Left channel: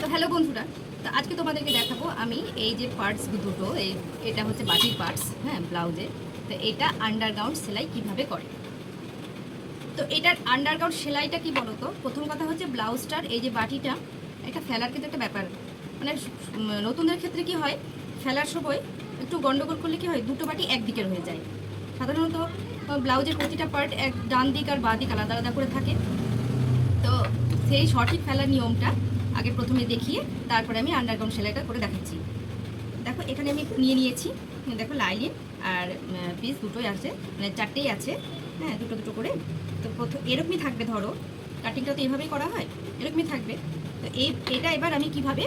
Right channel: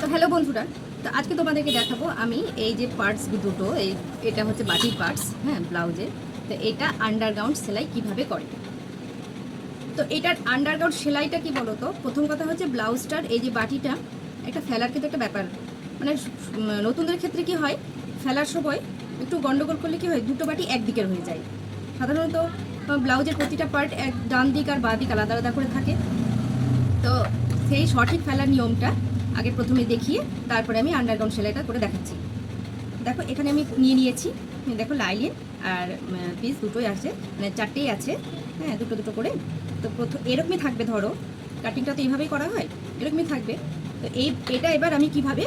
তো হ্যালো বন্ধুরা, তো আজকে তোমাদেরকে দেখাবো আমি এই যে পার্টস দুটো, এটা হচ্ছে বাটির পার্টস, হ্যাঁ, ব্লাউজে। তো এটা আন্ডারগ্রাউন্ড সেলাই কিভাবে করে। তো এটার আন্ডারগ্রাউন্ড সেলাইটা কি বলো তো, প্রথম কথা হচ্ছে ব্লাউজটার এই যে বাটিটা, একটা ফেলার কিন্তু একটা ব্যাপার, মানে নতুনদের ক্ষেত্রে কি হয়, ফেলার সময় একটু গন্ডগোল করলে কি হয়, দুটো বাটি একদিকের হয়ে যায়। সাধারণত ব্লাউজের প্রতিটা পার্ট এক ডান দিক আর বাঁ দিক আলাদা আলাদা করে থাকে। তো সেই সঠিক ফেলার নিয়মটা আগে প্রথমে দেখিয়ে তারপরে আমি আন্ডারগ্রাউন্ড সেলাইটা করে দেখাচ্ছি। দেখো এখানে আমি নিয়ে নিয়েছি, দেখো লাইলিন আর পিস দুটোই আছে, মানে চারটেই আছে, হ্যাঁ, দুটো দুটো করে। তো প্রথম এরকমই থাকবে, ধরো কাটিংটা তো এইভাবেই করা হয়, এরকমই থাকবে। তো এটা এবার আমি কিভাবে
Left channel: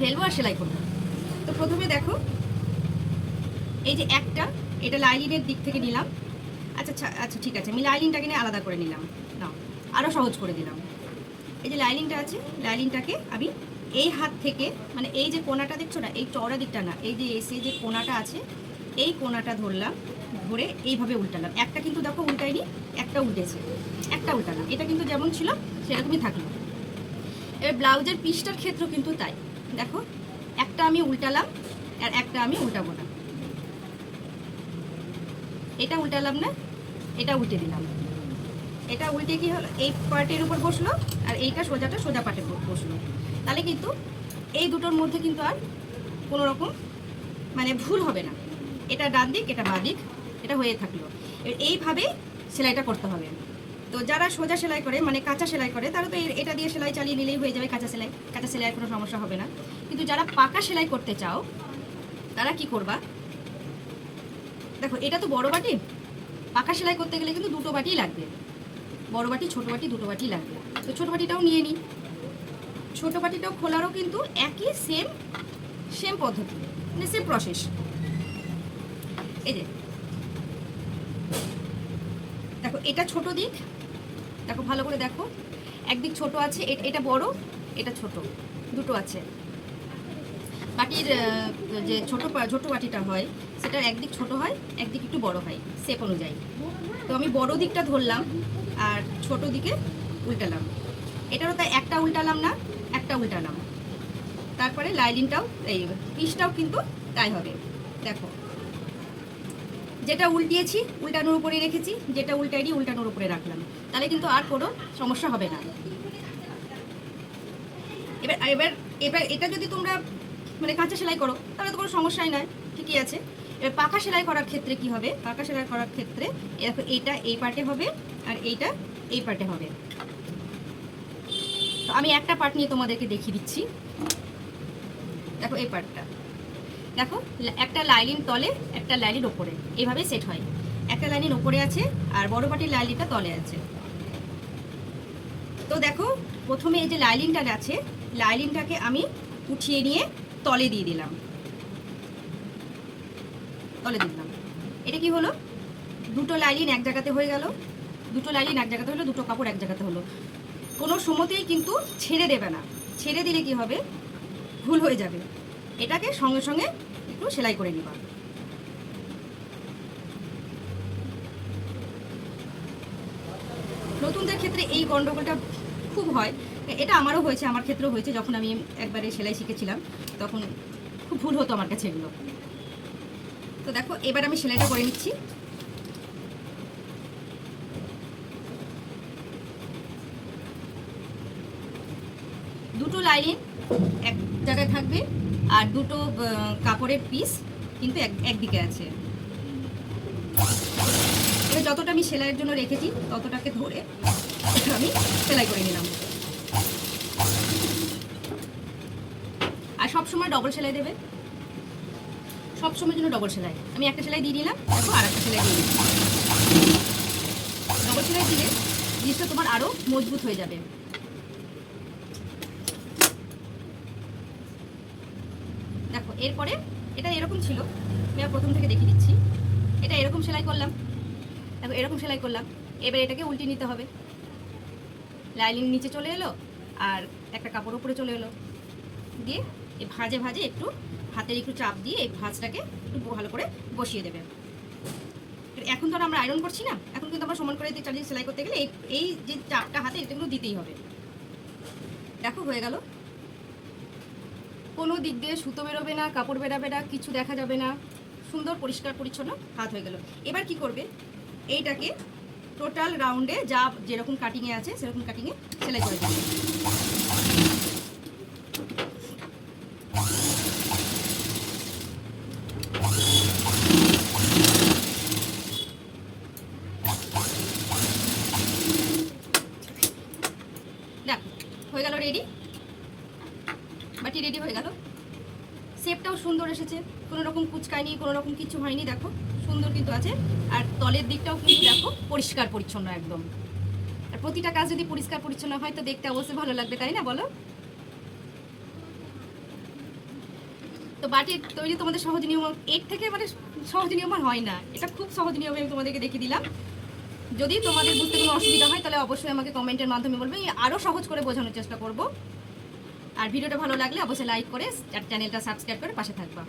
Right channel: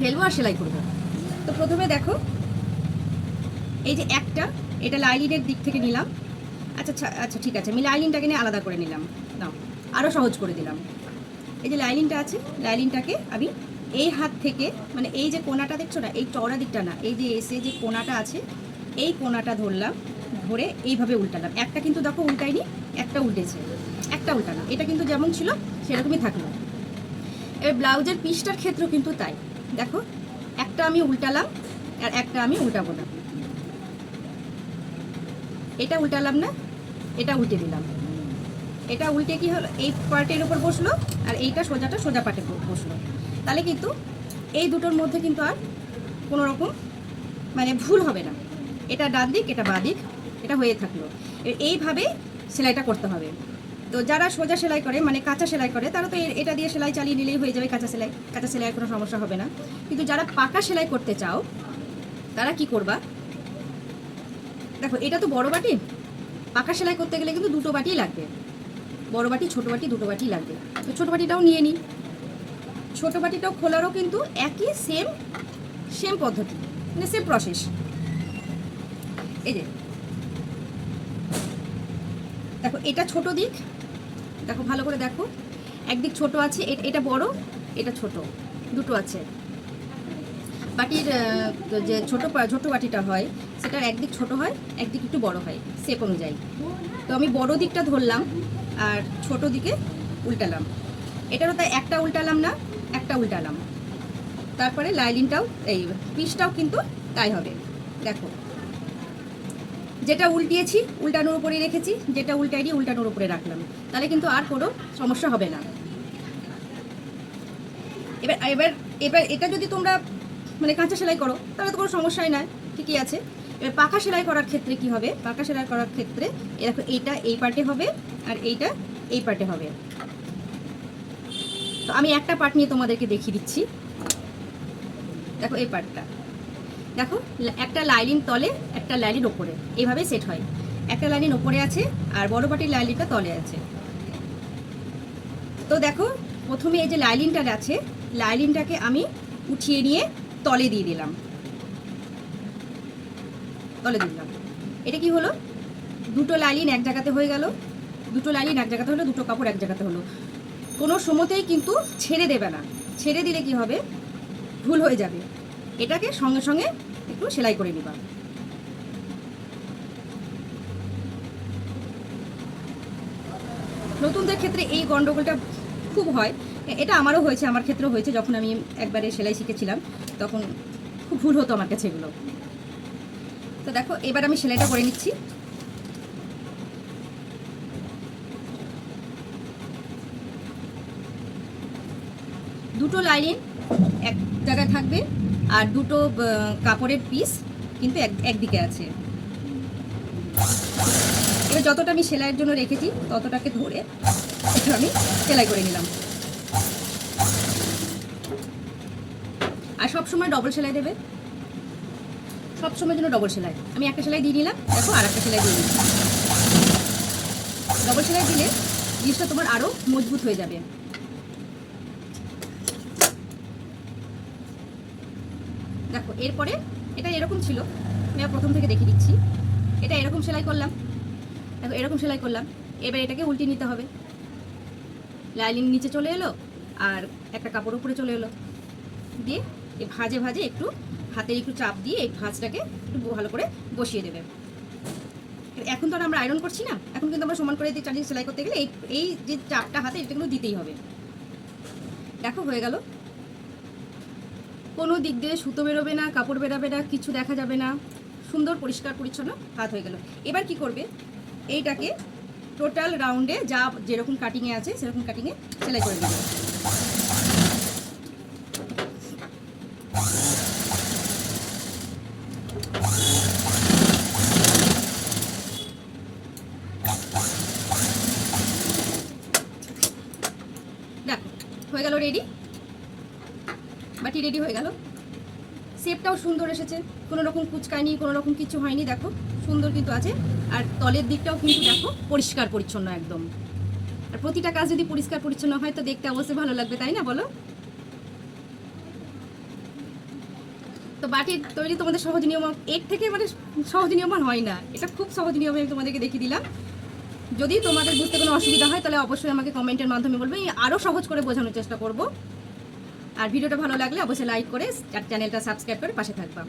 ফেলবো আর সেলাই করবো। তো প্রথমে দেখো এই যে এটা লাইলিনের দিক থেকে নিলাম। আচ্ছা আচ্ছা, ঠিক আছে, আমি লাইলিনটাকে নিয়ে আলাদা করে নিলাম, নাও আরও সহজ করে দিলাম। এই যে লাইলিনটা আছে, লাইলিনটাকে আমি এই হাত থেকে, মানে এই যে কোনাটা দেখছো না, এই চওড়া দিকটা না, এই যে এসে যে কোনাটা আছে, এই কোনাটা ধরলাম, ধরে এইভাবে উল্টালাম। একটা কিন্তু দেখো উল্টাইনি, একটা উল্টেছে, একটা উল্টালাম, এটা কিন্তু যেমন ছিল সেরকমই থাকলো। এবার ব্লাউজের পিসটার ক্ষেত্রেও কিন্তু তাই, দেখো একটা আমি উল্টালাম আর একটা আমি উল্টাবো না, এটা উল্টালাম না, এটা উল্টে দিলাম, এটা উল্টে কি হলো, এই পার্টের উপর বসলো আর এইটা সোজা পার্টের বসলো। তাহলে কিন্তু এই দুটোর মধ্যে কিন্তু আর কোনো রকম মানে ভুল হবে না, এটা ডান দিক এটা বাঁ দিক, এটা হয়ে থাকলো। এইভাবে সেলাইটা করতে হবে। তো যারা সোজা সেলাই করে, মানে কাঁচা সেলাই করে, তারা তো এটা দিয়ে সেলাই চালিয়ে নিলেই হয়ে যাবে, কাঁচা সেলাইয়ের কোনো সমস্যা হবে না। কিন্তু যারা পাকা সেলাই করতে চাও তারা কি করবা, দেখো এটা তো বড় বাটি, পাকা সেলাই করতে গেলে কিন্তু দুটো বাটিই লাগবে, বড় বাটি ছোট বাটি দুটো বাটি লাগবে। তো ছোটো বাটিটাও নিয়ে নিই, ছোটো বাটিটাও খোলারও কিন্তু একই সেম পদ্ধতি, মানে সেম প্রসেস। এই যে দেখো এটা ছোট দিক, দেখো ভালো করে দেখো, একদিক ছোট আছে, এটা বড় এটা ছোট, দুটো আছে। বাটির যে ছোট বাটিটা হয় সেটার একদিক ছোট হয়, একদিক একটু বড় হয়, শেপ অনুযায়ী। তো আমি বড় দিকটা ধরলাম আর ছোট দিকে উল্টালাম, এটারও তাই একটা উল্টালাম না, একটা উল্টালাম। তারপরে লাইলিনটাও, এই পিসটাও কিন্তু তাই হবে। দেখো যেটা উল্টিয়েছি উল্টানোর উপরে রেখেছি, যেটা উল্টাইনি উল্টানোর উপরে রাখলাম, তাহলে কিন্তু আর কোনো সমস্যা হবে না। এবার এবার এবার এটা যদি তোমরা মানে কাঁচা সেলাই করো তাহলে তো কোনো সমস্যাই নয়, ঠিকই আছে। এবার পাকা সেলাই করার ক্ষেত্রে কি হবে, পাকা সেলাই করার ক্ষেত্রে দেখো এইটা এই পার্টে হবে আর এইটা এই পার্টে হবে। তো আমি একটা পার্ট নিয়ে তোমাদেরকে দেখিয়ে দিচ্ছি। দেখো এই পার্টটা, দেখো একটা লাইলিন তলে একটা লাইলিন ওপরে, এইভাবে সেট হয়। একটা লাইলিন ওপরে আছে আর বড় বাটির লাইলিনটা তলে আছে। তো দেখো প্রথমে এই যে লাইলিনটা আছে, লাইলিনটাকে আমি উঠিয়ে নিয়ে তলে দিয়ে দিলাম, তলে দিলাম। এটা কি হলো, দুটো লাইলিন এক জায়গাতে হয়ে গেল, দুটো লাইলিন এক জায়গাতে হলো, দুটো কাপড় এক জায়গাতে হলো। কোনো সময়তেই কিন্তু ছেড়ে দেবে না, ছেড়ে দিলে কি হবে, ভুল হয়ে যাবে। এটাকে সঙ্গে সঙ্গে একটু সেলাই করে নেবা। নতুনদের ক্ষেত্রে এই গন্ডগোলটা খুব হয়, এটা আমারও হয়েছে, আমার ক্ষেত্রেও হয়েছে। যখন আমি একবারে সেলাই শিখেছিলাম তখন খুব ভুল হতো আমার কাছে এগুলো। তো দেখো এবার আমি সেলাইটা করে নিচ্ছি। দুটো লাইন এক জায়গায় থাকবে আর দুটো কাপড়ের পিস কিন্তু একদিকে আছে। এবার যতটা আমি সেলাইয়ের জন্য রেখেছি ততটাকে ধরে এটা আমি সেলাই করে নিলাম। আর সবসময় ডবল সেলাই দেবে, সবসময়ের জন্য ডবল সেলাই। আমি একটা সেলাই দিয়ে নিলাম, দেখো আর একটা সেলাই দিয়ে নিলাম। ডবল সেলাই দিলে জিনিসটা তোমার আরও মজবুত হয়ে যাবে। দেখো এরপরে এটা এরকম ছিল, আমি প্রথম থেকে দেখিয়ে দিচ্ছি। এটা এরকম সেলাই করলাম, দেখো এরকম সেলাই করলাম। এবার এটাকে উল্টিয়ে নিতে হবে, লাইলিন নিচে চলে এলো আর একটা কাপড় উপরে চলে এলো, দিয়ে এই ভাঁজে ভাঁজে একটু হাতের একটু চাপ দিয়ে এই ভাঁজটাকে একটু ভালো করে বসিয়ে দেবে। এখন তো আর আমরা আয়রন করছি না, এখন কিন্তু আমরা সমান করে চালিয়ে সেলাই করতে গেলে এই যে চাপটা হাতে এটা কিন্তু দিতেই হবে। দেখো হয়ে গেল। কোনো দিক দিয়ে সুতো বেরোবে না, কাপড় বেরাবে না, কিছু দেখা যাবে না, সুন্দর পরিষ্কার পরিচ্ছন্ন হাত হয়ে গেল। এবার কি করবে, এইটাকে টোটাল রাউন্ডে যা যেরকম কাটিংয়ে আছে সেরকম কাটিংয়ে সেলাই করে দেবে। দেখো হয়ে গেল রেডি, বাটি রেডি হয়ে গেল। শেপটাও সুন্দর এসেছে, কোনো রকম কুচকায়নি, কোনো রকম কিছু হয়নি, দেখো সুন্দর কিন্তু আছে। আর তলের দিকটাও কিন্তু দেখো পরিষ্কার পরিচ্ছন্ন একদম। আর প্রতিটা কাজ যদি পরিষ্কার পরিচ্ছন্ন হয় তো দেখতে অবশ্যই ভালো লাগবে, তাই না বলো? তো বাটির তৈরি তোমাদের সহজ নিয়ম, এর থেকে মানে সহজ নিয়ম আর হয় না, এটা খুব সহজ নিয়ম আমি তোমাদেরকে দেখিয়ে দিলাম। যদি তোমাদের বুঝতে কোনো অসুবিধা হয় তাহলে অবশ্যই আমাকে কমেন্টের মাধ্যমে বলবে, আরও সহজ করে বোঝানোর চেষ্টা করব। আর ভিডিওটা ভালো লাগলে অবশ্যই লাইক করে আর চ্যানেলটা সাবস্ক্রাইব করে পাশে থাকবা।